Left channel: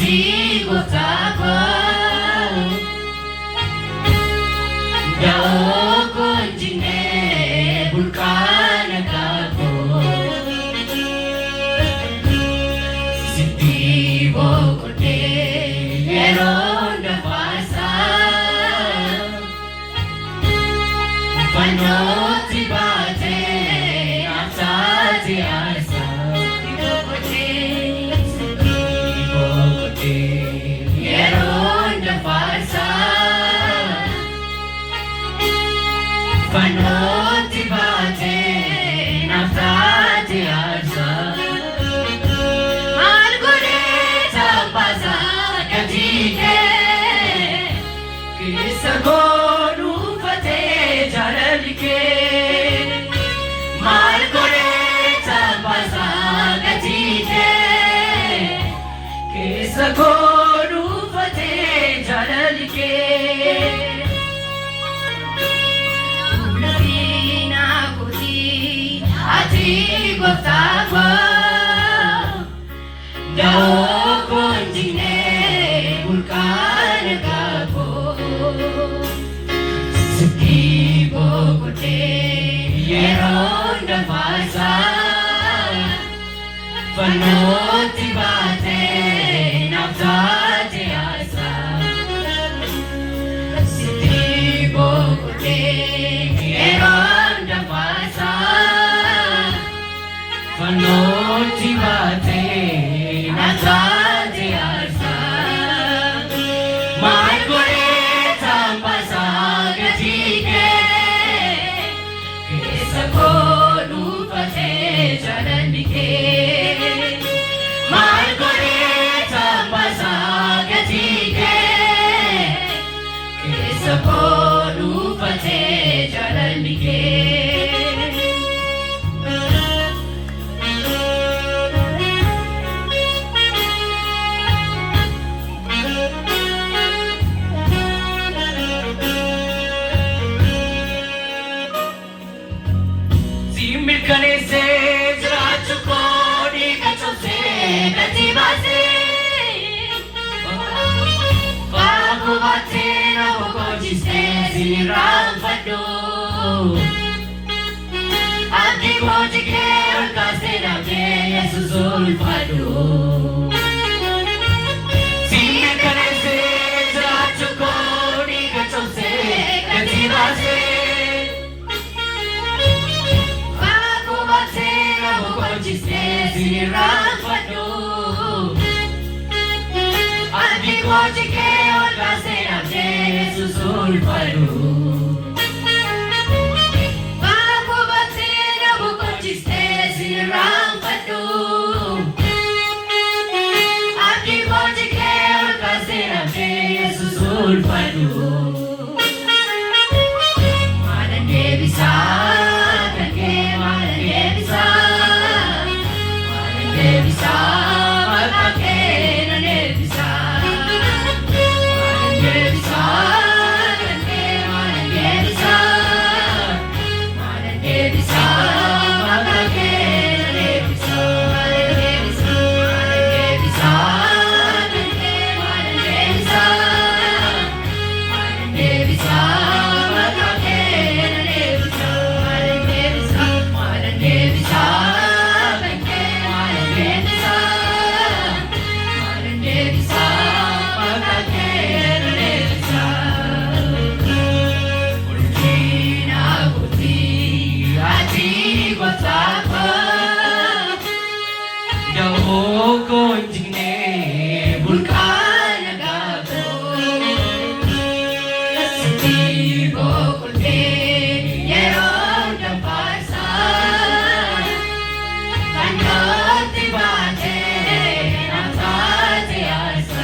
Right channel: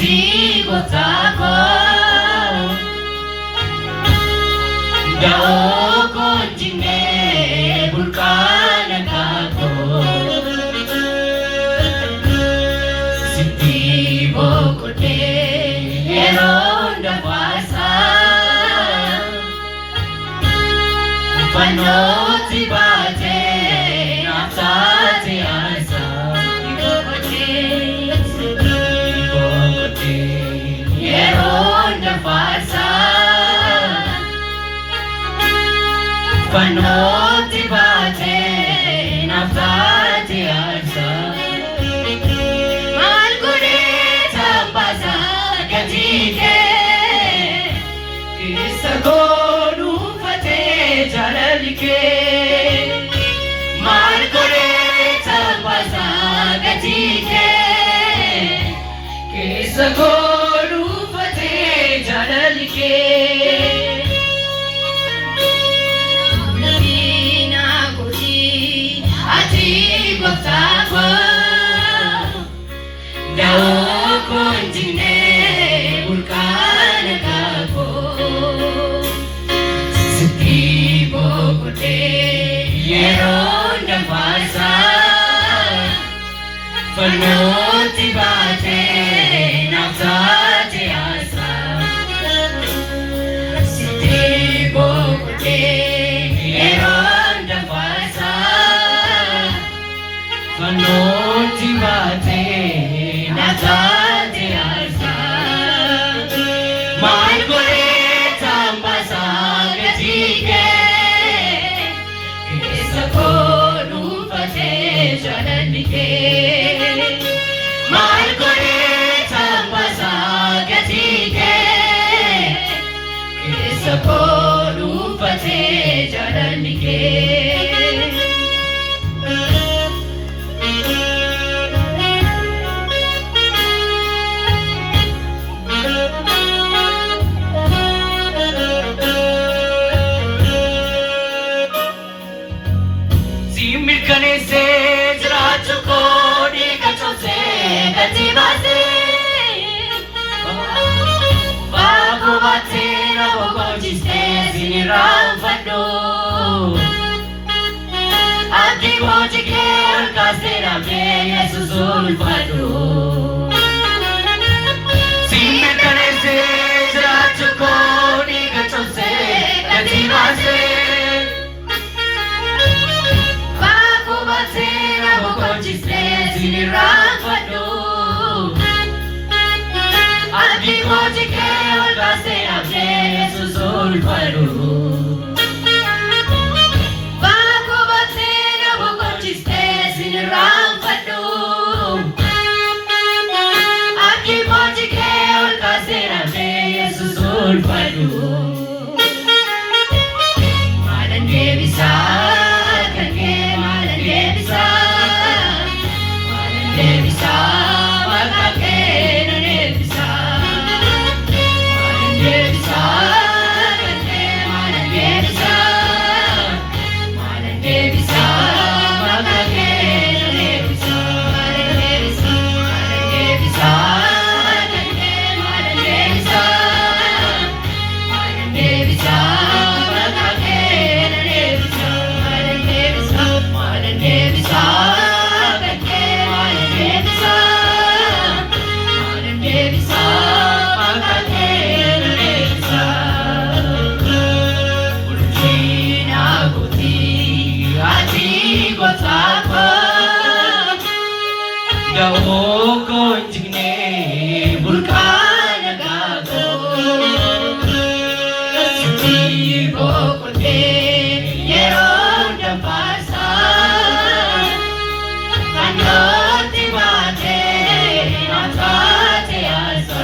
Ati kotako Dao konjine bulkana kako Siti bokote eronda pasa Panoti bate apsate asa Eronda pasa Panoti bate apsate asa Malgureta pasa gatike Kisa gonu fate jaralike Malgureta pasa gatike Kisa gonu fate jaralike Labina koti ati boktakwa Dao konjine bulkana kako Siti bokote yeronda pasa Panoti bate napsate asa Siti bokote yeronda pasa Panoti bate napsate asa Malgureta pasa gatike Kisa konu fate jananike Malgureta pasa gatike Kisa konu fate jananike Similkane se zrachko dikacho se katibase Bago bate na bogojiste siniram fado Adi kojike arkase namke Yesusul fado Similkane se zrachko dikacho se katibase Sirafado Adi kojike olbase abde Yesusul fado Bago bate na bukojiste sirafado Adi kojike olbase abde Yesusul fado Madan devisa kake madan devisa Devisa, malake na devisa Devisa, kante mana devisa Devisa, malake na devisa Devisa, kante mana devisa Devisa, malake na devisa Devisa Devisa, malake na devisa Ultina koti ati botako Dao konjine bulkana kako Siti bokote yeronda pasa Panoti bate napsate asa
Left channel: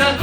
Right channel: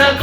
The